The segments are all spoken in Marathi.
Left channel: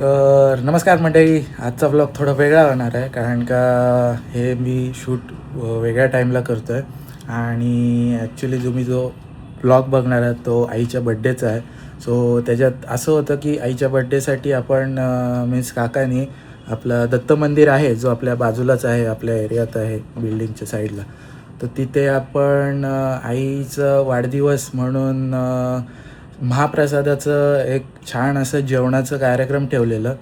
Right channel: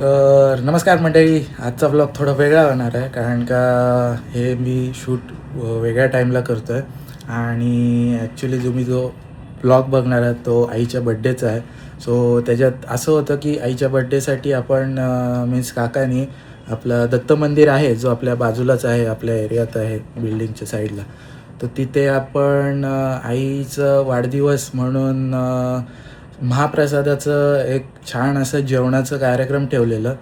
तर नमस्कार मंडळी, आजचा व्लॉग थोडा वेगळा होणार आहे कारण का हे मी शूट वेगळ्या टाईमला करतो आहे आणि ॲक्च्युली जो व्लॉग बघणार आहे तो आईच्या बड्डेचा आहे. सो त्याच्यात असं होतं की आईच्या बड्डेसाठी आपण मीन्स काकानी आपलं दत्त मंदिर आहे जो आपल्या बाजूलाच आहे, आपल्या एरियात आहे बिल्डिंगच्या साईडला. तर तिथे आपण आईचं वाढदिवस म्हणून महाप्रसादाचं एक छान असं जेवणाचं कार्यक्रम ठेवलेलं.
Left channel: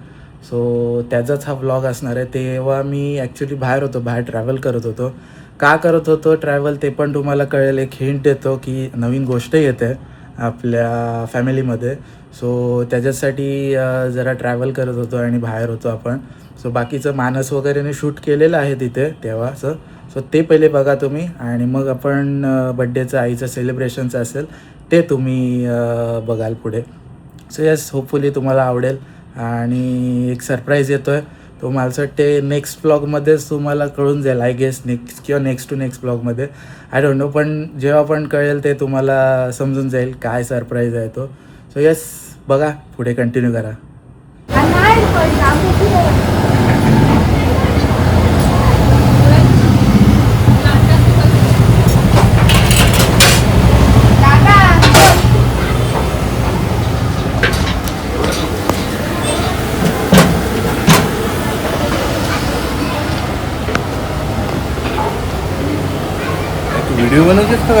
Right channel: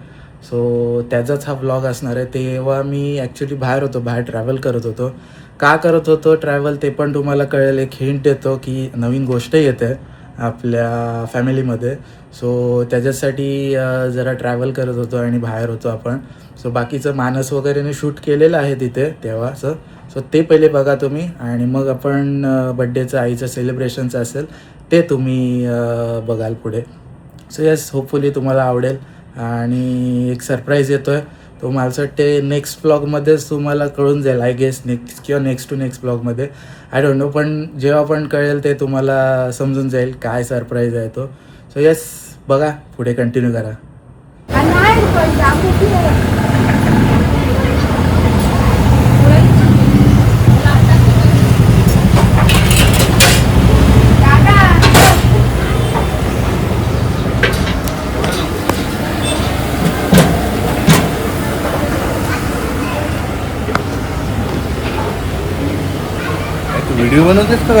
सो त्याचाच हा व्लॉग असणार आहे. तेव्हा मी ॲक्च्युली बाहेर ट्रॅव्हल करत होतो. का करत होतो ट्रॅव्हल ते पण तुम्हाला कळेल. एक हिंट देतो की नवीन गोष्ट येते आपल्या फॅमिलीमध्ये. सो त्याच्यासाठी जरा ट्रॅव्हल करत होतो आणि बाहेर होतो आपण. सो बाकीचं मानस वगैरेने शूट केलेलं आहे तिथे तेव्हाचं. सो ते पहिले बघा तुम्ही आणि मग आपण बड्डेचं आईचं सेलिब्रेशनचं असेल ते तुम्ही बघाल पुढे. सो येस, होपफुली तुम्हाला आवडेल. आणि एक सरप्राईज येतो आहे तो मला असं वाटते नेक्स्ट ब्लॉगमध्येच तुम्हाला कळून जाईल, आय गेस नेक्स्ट किंवा नेक्स्ट टू नेक्स्ट ब्लॉगमध्ये, आय डोंट नो. पण जेव्हा पण कळेल ते तुम्हाला समजून जाईल काय सरप्राईज आहे तो. सो येस, बघा पुढे कंटिन्यू करा. व्हिडिओ बनवतेस का?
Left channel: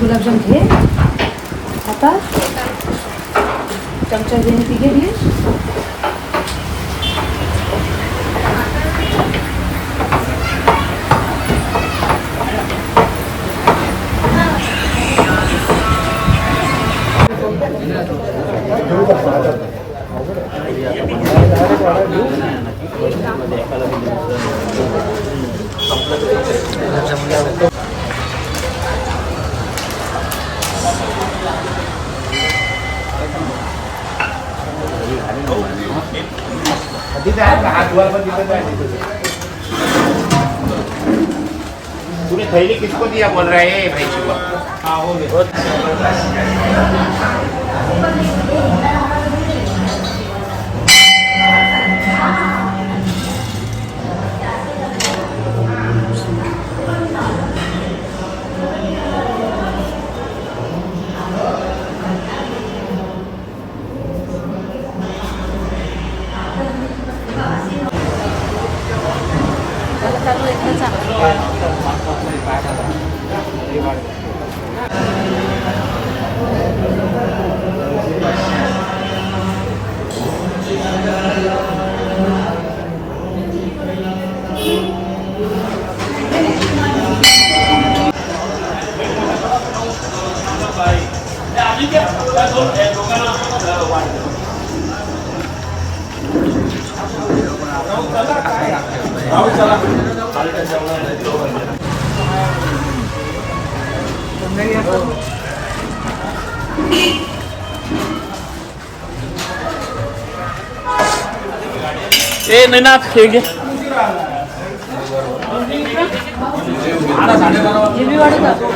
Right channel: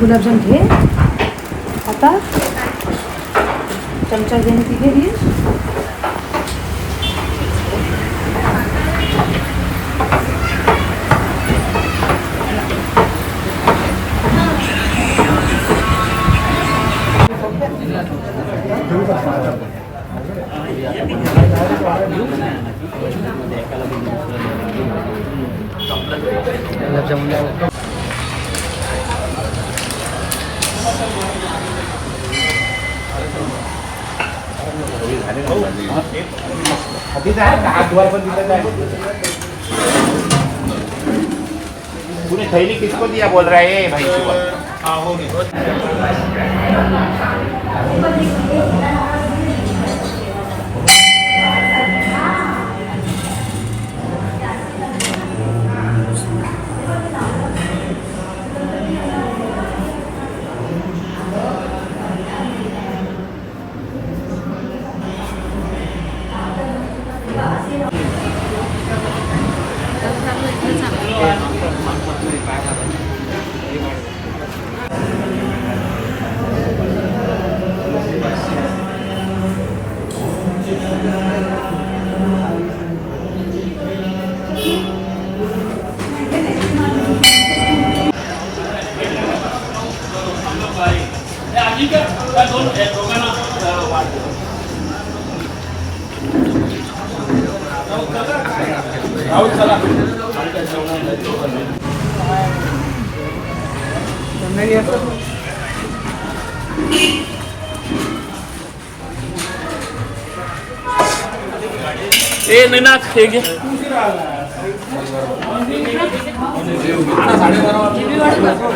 गुलाबजाम घे आता, चमचा देणे ती घे. तूने थैली किसको दिया बोल रहा है भाई सुबह? हाँ हो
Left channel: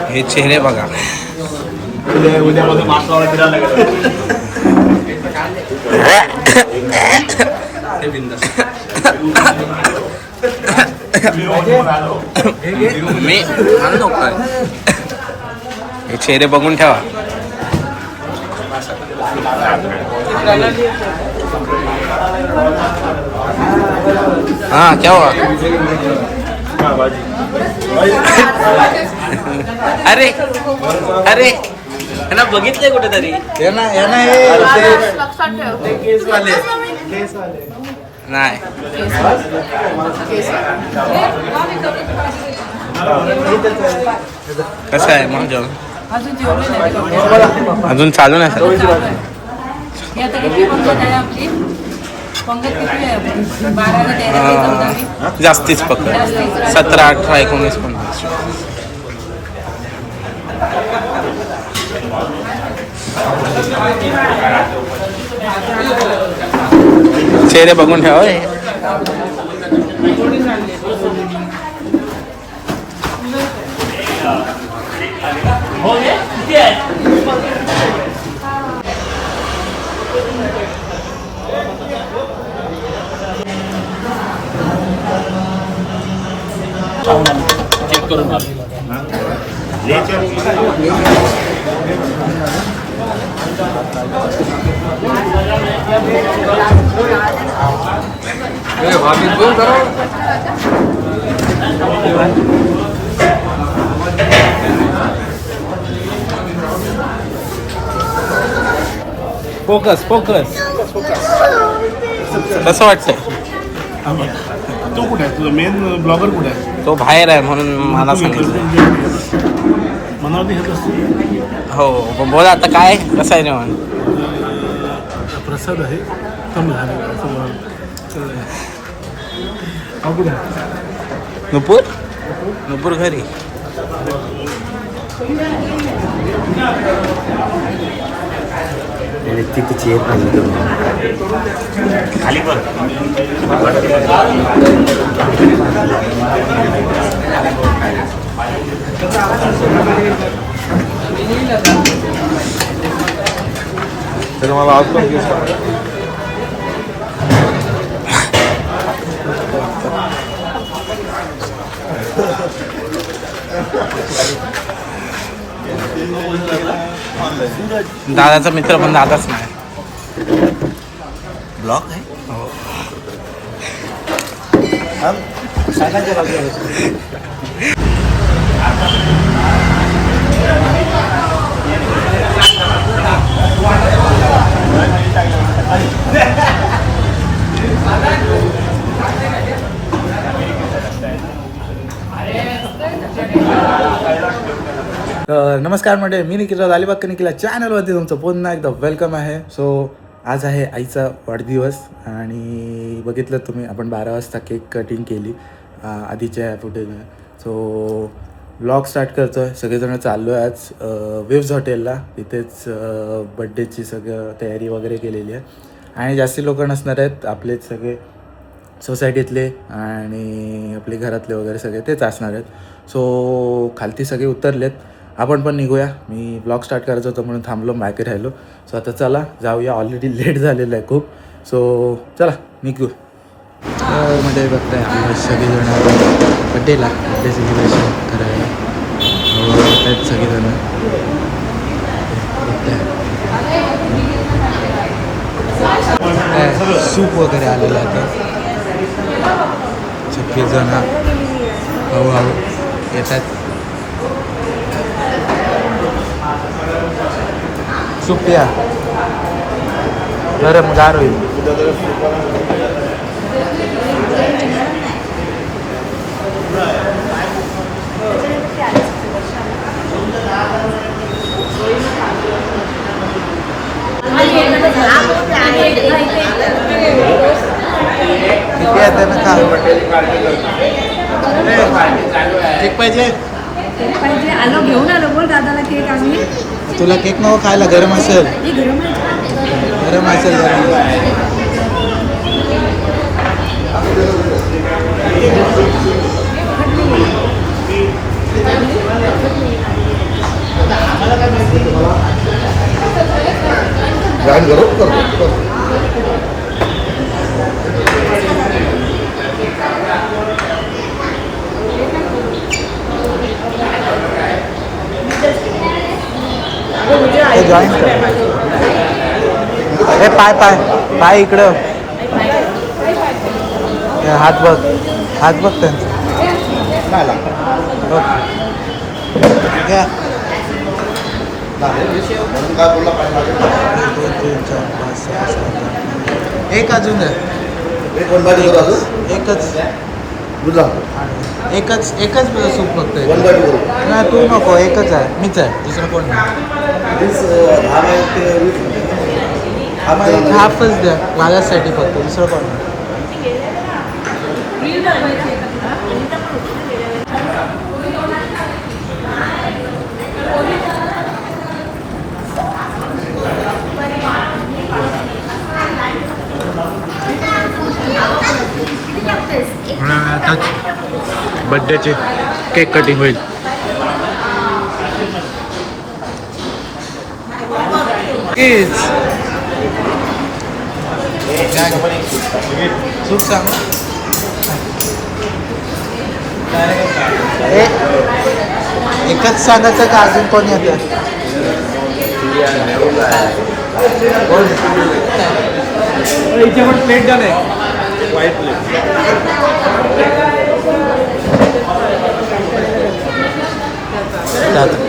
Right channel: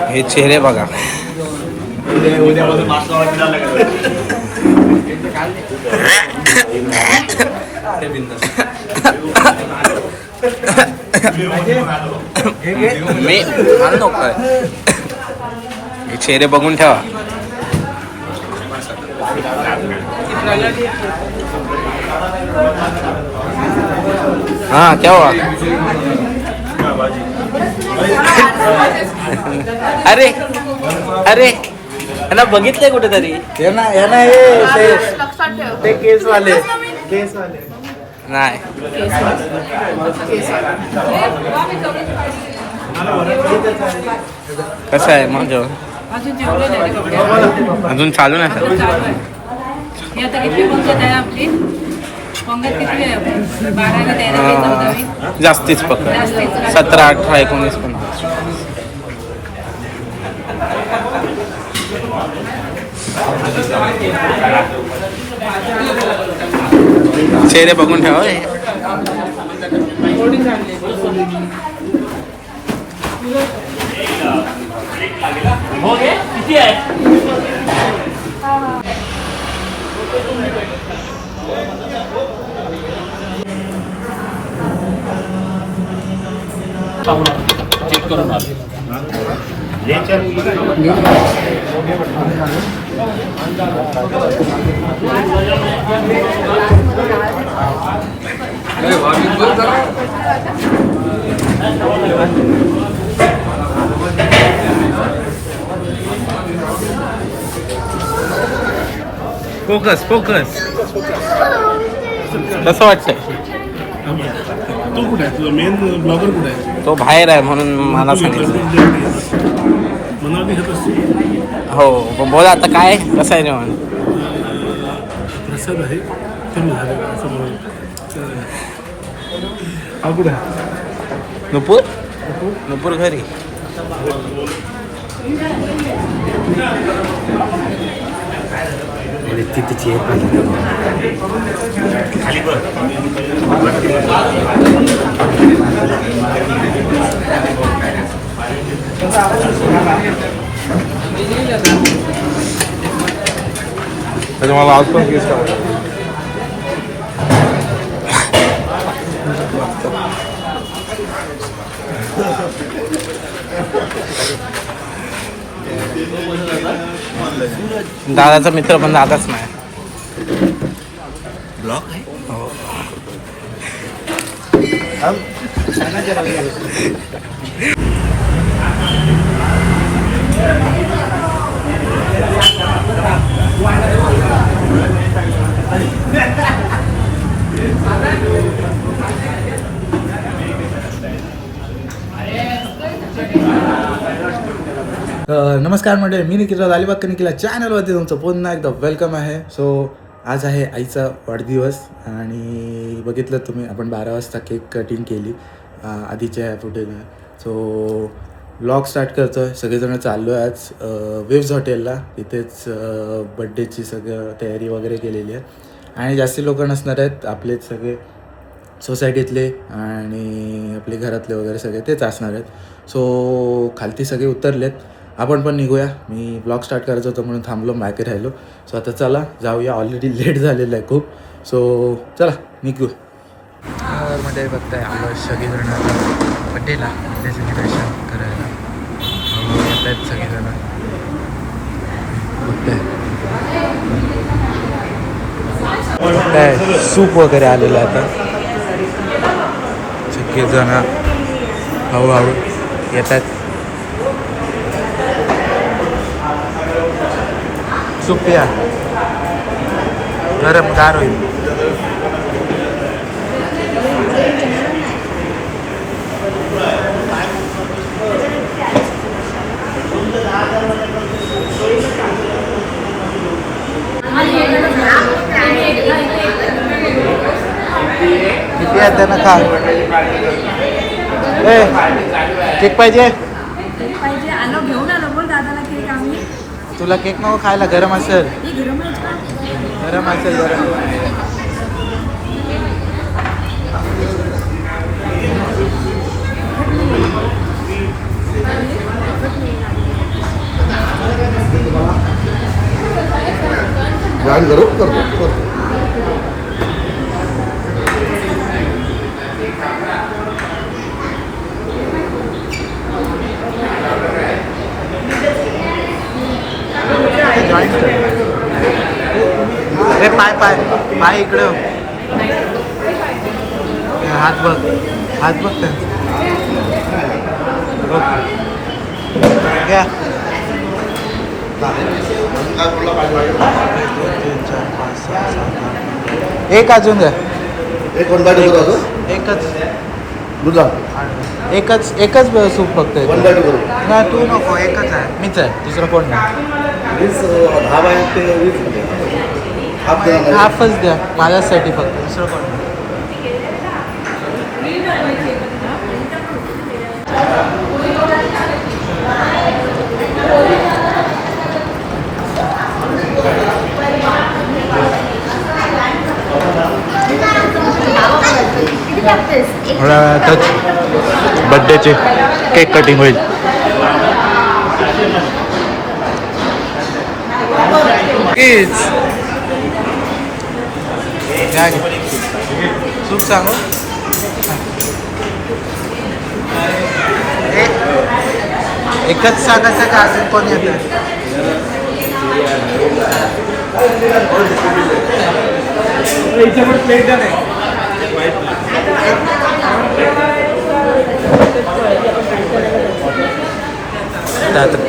हे चेहरे बघा. मी मला नको. हे चेहरे बघून ठेवा. हाँ क्या हुआ? अरे अरे ह्याला बघितलंय कुठेतरी. नाही कसं आहे मग जेवण? अजून जेवले नाही. अजून चालू नाही सर. आता किती पंगत आहे आपली? पंगत किती आहे आपली? 12 की 13 की 14? जास्तीच पकड. 17, 18, 19, 20. चेहरे बघून ठेवा हे. चेक करून आलो. फोकस फोकस कसं वाटतंय? तो कुठे आहे? तुझा मेन ब्लॉगर कुठे आहे? तो बाहेर आहे म्हणून मला सांगितलं. मनाली हेत असते. हो बोल आता काय कसं आहे जेवण? प्रसाद आहे. हा कुठे आहे? नुपूर नुपूर घरी. तिथे चेअर पाहिजे खाली बघ. मला आज पण केस दादाचा मित्र पण दादाच नाही. ब्लॉक आहे. हो नमस्कार मंडळी, मी निखिल अलिबाग निखिल चॅनलवरती तुमचं पुन्हा एकदा वेलकम आहे. सो आज आहे आईचा वाढदिवस आणि बघितलं तुम्ही आपण 12 वाजता केक कटिंग केली आधीच्या फुटेजला. सो व्लॉग स्टार्ट करतो आहे. सगळेजण चाललो आहे आज वेव्ज हॉटेलला. तिथेच बड्डेची सगळं तयारी वगैरे केलेली आहे आणि जास्ती लोक नसणार आहेत. आपलेच सगळे सोसायटीतले आणि आपले घरातले वगैरे सगळे तेच असणार आहेत. सो खालती सगळे उतरलेत, आपण पण निघूया. मी ब्लॉग स्टार्ट करायचं होतं म्हणून थांबलो, बाकी राहिलो. सो आता चला जाऊया, ऑलरेडी लेट झालेलं आहे खूप. सो चला निघू. मध्ये बघताय आम्ही सगळेजण बड्डेला बड्डे सेलिब्रेशन करायला येतात सगळेजण. बघताय काय सूप वगैरे आलेलं आहे. आता सगळेजण हळूहळू येतात. सूप प्या, गरम गार होईल. किती आहे त्यानं खा. केक पाहिजे? पाहिजे. आलो घेऊन आलो बोल दादाला केक. आम्ही तुला केक नको खायला, गरम असेल. गरम गरम असेल. गाडी गरम करतो. जॉईन कर. ए पाय पाय पाय इकडं. हात बघ, हात बघ त्यांचं. घ्या. 1 2 3 4 5 6 7 8. एक अजून द्या. एकच सूप फक्त. नाही तू नको, एकच आहे, मीच आहे, दुसरं कोण नाही. हाफच द्या माझ्यासाठी फक्त, दुसरं कोण नाही. थोड्या वेळातच बड्डेचे केक कटिंग होईल. सूप सांगू एकच सांगायचं का अजून कोण येतं?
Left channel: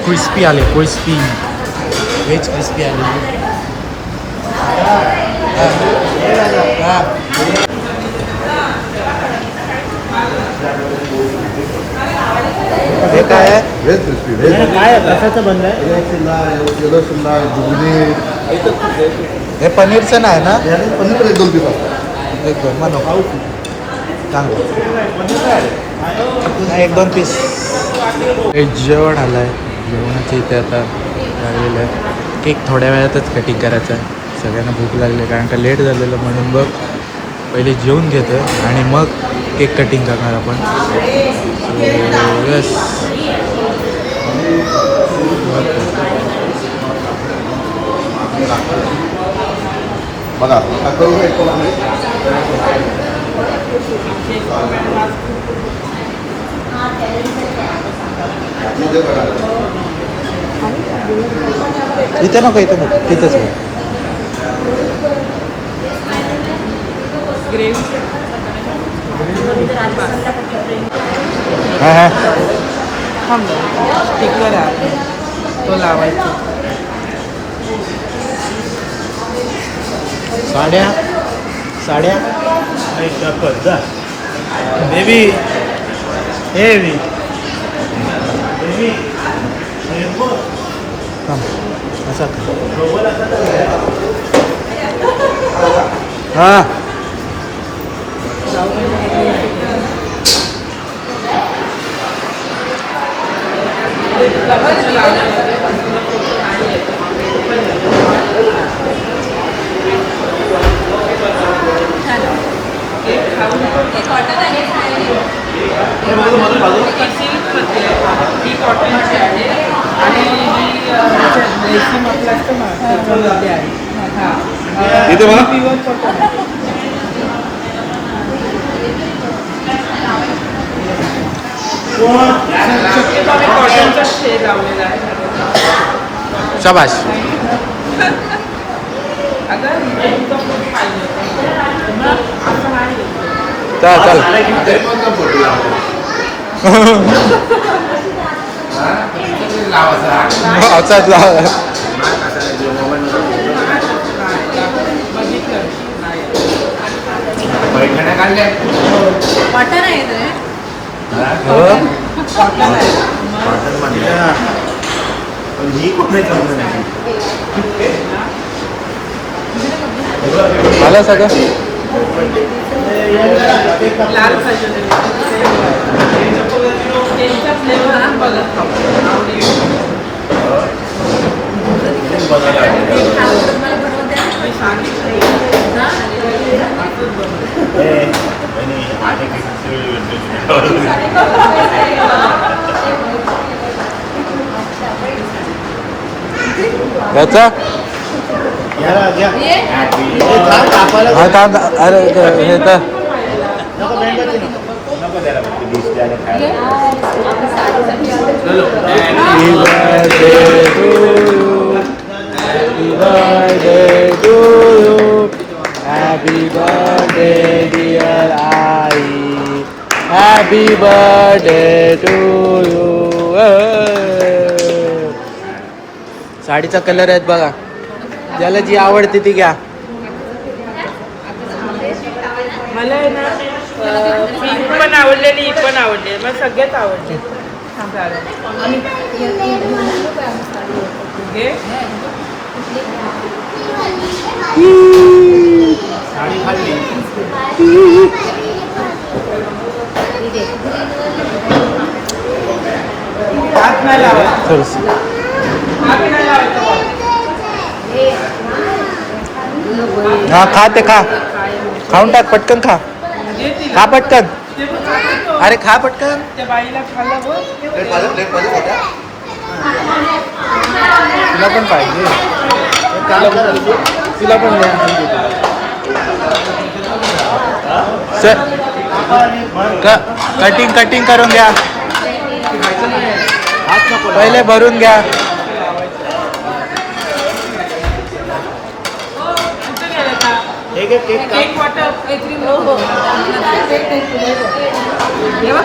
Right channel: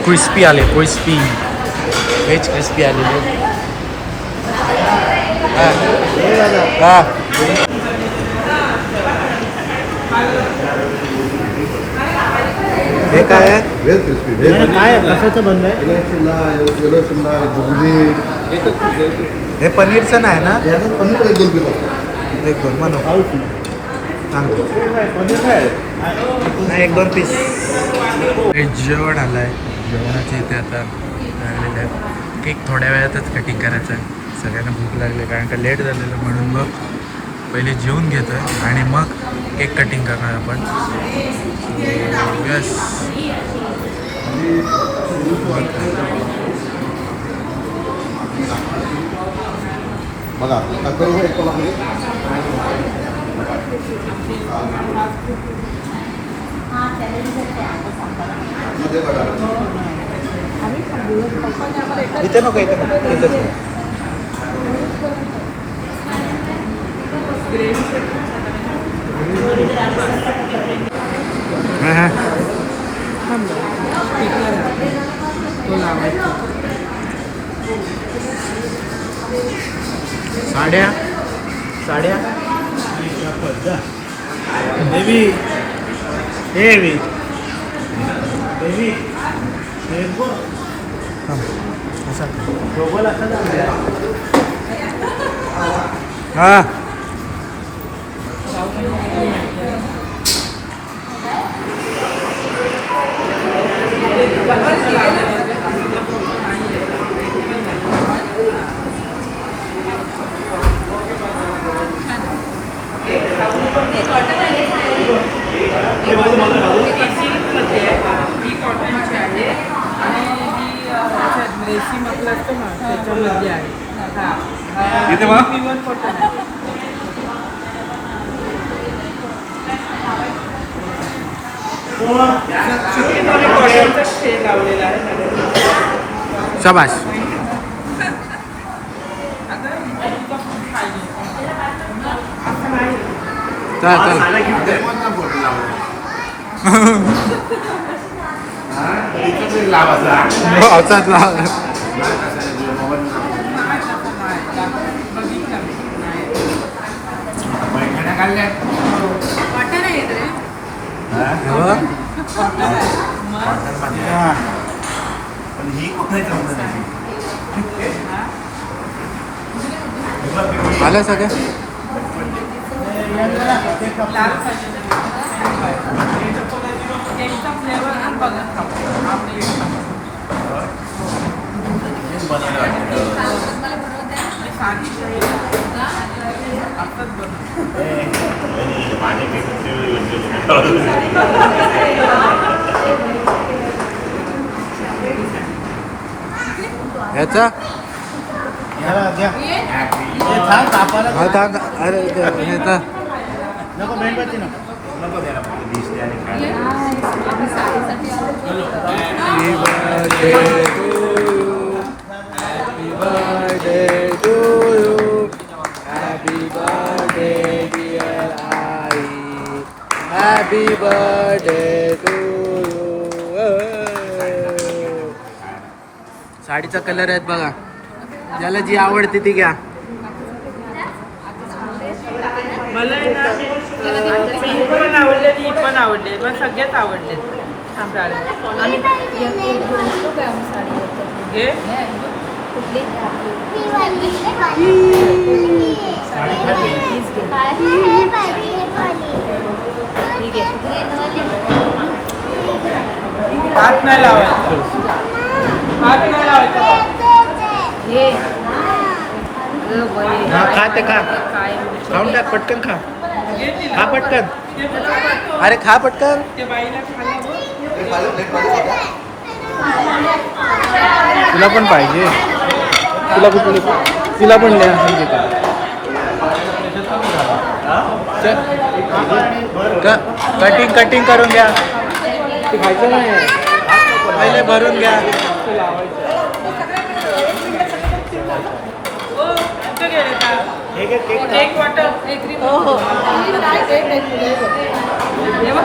क्रिस्पी आले क्रिस्पी व्हेज क्रिस्पी आलेले. हा हे काय आहे? हे पनीरचं नाही ना? एक दोन बनव चांगलं नाही, एक दोन पीस. जेवण आलं आहे. जेवणाची इथे आता आलेलं आहे. केक थोड्या वेळातच कटिंग करायचं आहे. सगळ्यांना भूक लागली कारण का लेट झालेलं म्हणून बघ पहिले जेवून घेतो आणि मग केक कटिंग करणार आपण. यस बघा करू इथे नको तिथेच हां हां स्टिकर आहे तो लावायचा. साड्या बेबी बेबी असा हां इथे बघा शाबाश. चल outside lah. आलं सगळं याचा हा थांब. अरे हे तर Happy birthday dear Ai, happy birthday to you. साडीचा कलर आहेत बघा, ज्याला जी आवडते ती घ्या. मला आहे ना पिंक पण आवडलेली, ही पण आवडली, मला सगळ्याच आवडले. हा खा ते खा, खाऊन टाक पटकन, खा खा पटकन. अरे खा पटकन. तिला पण पाहिजे. तिला पण कटिंग करून घ्या. पहिले भरून घ्या.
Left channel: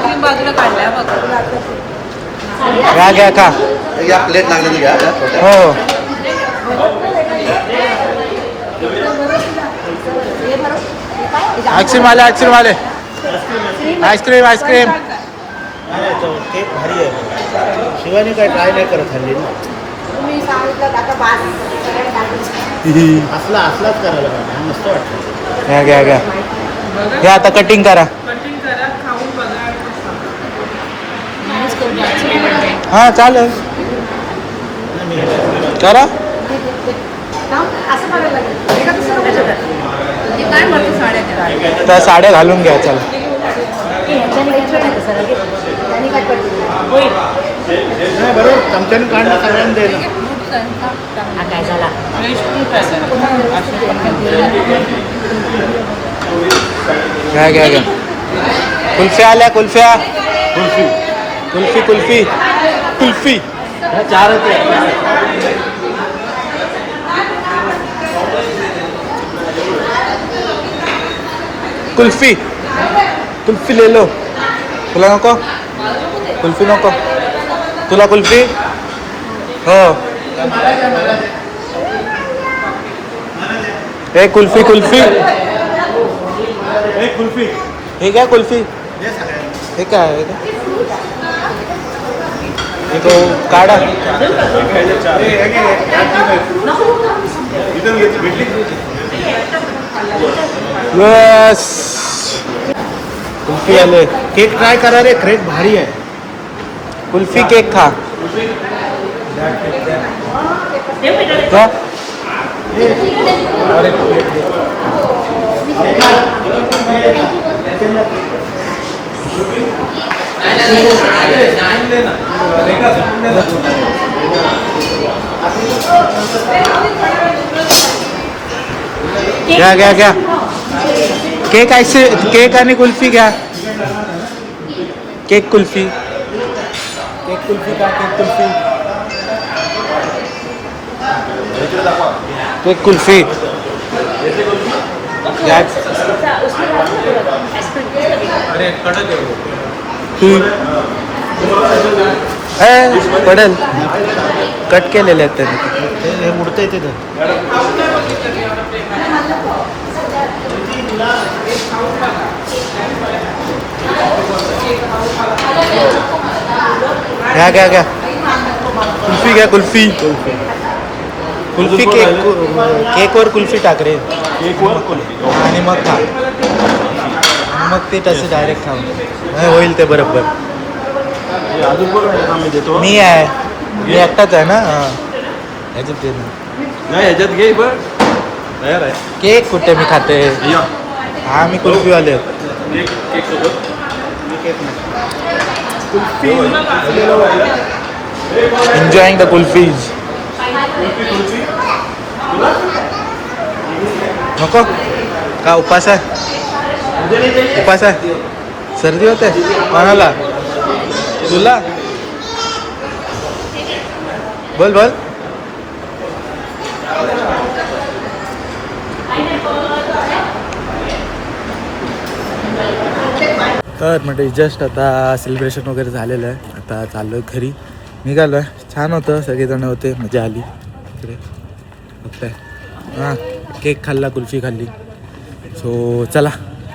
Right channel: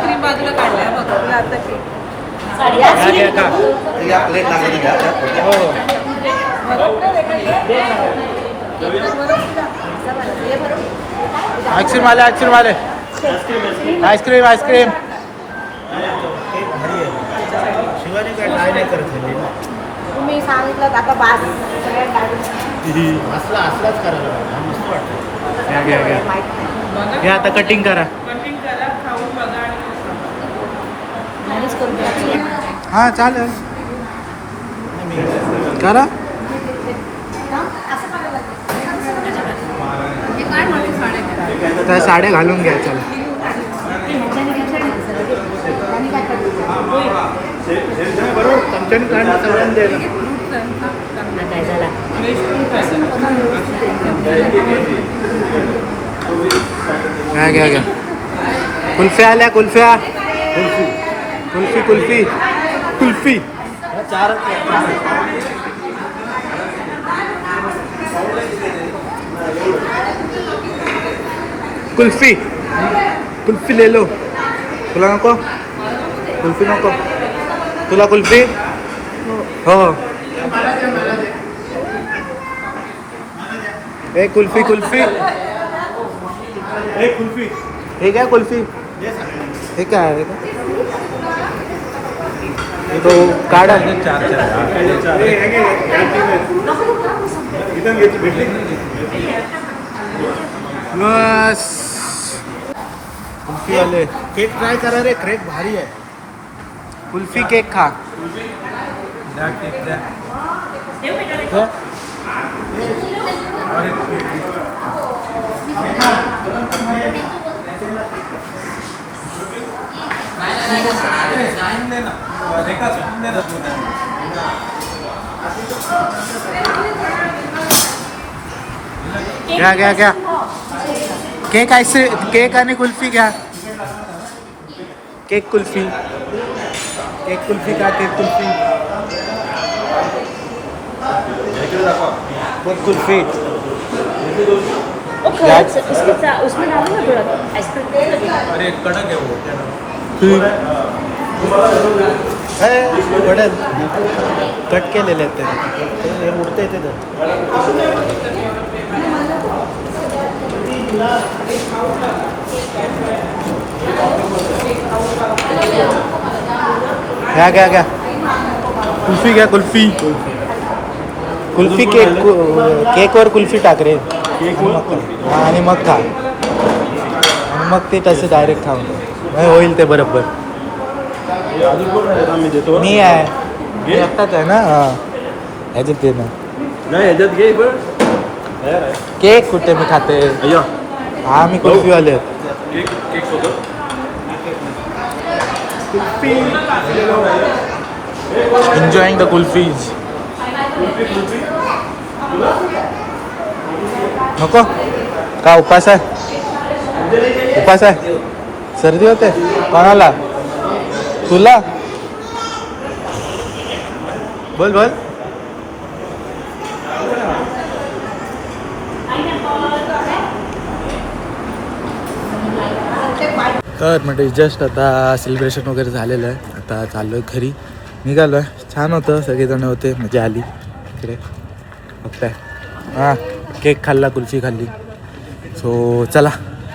क्रीम बाजूला काढल्या घ्या का प्लेट लागली घ्या. हो. आईस्क्रीम आले आईस्क्रीम. शिवानी काय ट्राय नाही करत हल्ली ना. तुम्ही सांगितलं आता बाज असलाच करायला पाहिजे. मस्त वाटतं. घ्या आता कटिंग करा. हा चालेल करा. त्या साड्या घालून घ्या. चला घ्या. कुल्फ्या आल्या. कुल्फी. कुल्फी ले लो. तुला नको कुल्फी? नको तुला कुल्फी? हो. हे कुल्फी. हे काय कुल्फी? हे काय आहे? तो काढा. बस कुल्फी आले. केक ट्राय करा रे. क्रेक भारी आहे. कुल्फी केक खा. क्या? घ्या. केक केक आणि कुल्फी घ्या. केक कुल्फी का? केक कुल्फी घ्या. पडेल. कट केलेले आहेत त्यांनी. हे मुडतं येते ते. घ्या. कुल्फी घ्या. कुल्फी केकवर कुल्फी टाक रे. आणि मग खा. आणि मग ते तसे डायरेक्ट खाऊन होईल ते बरोबर. मी आहे. मी एकटाच आहे ना. ह्याच्यात ते ना केक कुठे मी खाते. हा मी कुल्फीवाले. Enjoying the kulfis. नको का? उपास आहे. सर्दी होते कोणाला? तुला? बोल. तर म्हणजे जस्ट आता सेलिब्रेशन वगैरे झालेलं आहे. आता चाललो आहे घरी. निघालो आहे. छान होतं. सगळेजण होते. मजा आली इकडे. ओके. हां केक खाल्ला. कुल्फी खाल्ली. सो चला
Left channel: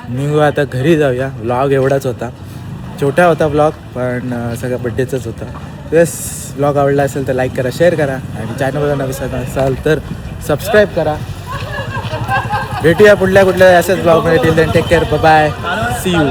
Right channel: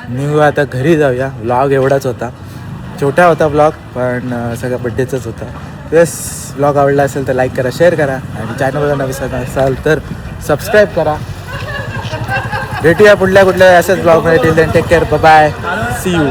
निघू आता घरी जाऊया. व्लॉग एवढाच होता. छोटा होता व्लॉग पण सगळ्या बड्डेचाच होता. तेच व्लॉग आवडला असेल तर लाईक करा, शेअर करा आणि चॅनलला नवीन असाल तर सबस्क्राईब करा. भेटूया पुढल्या कुठल्या अशाच ब्लॉगमध्ये. Till then take care. Bye. See you.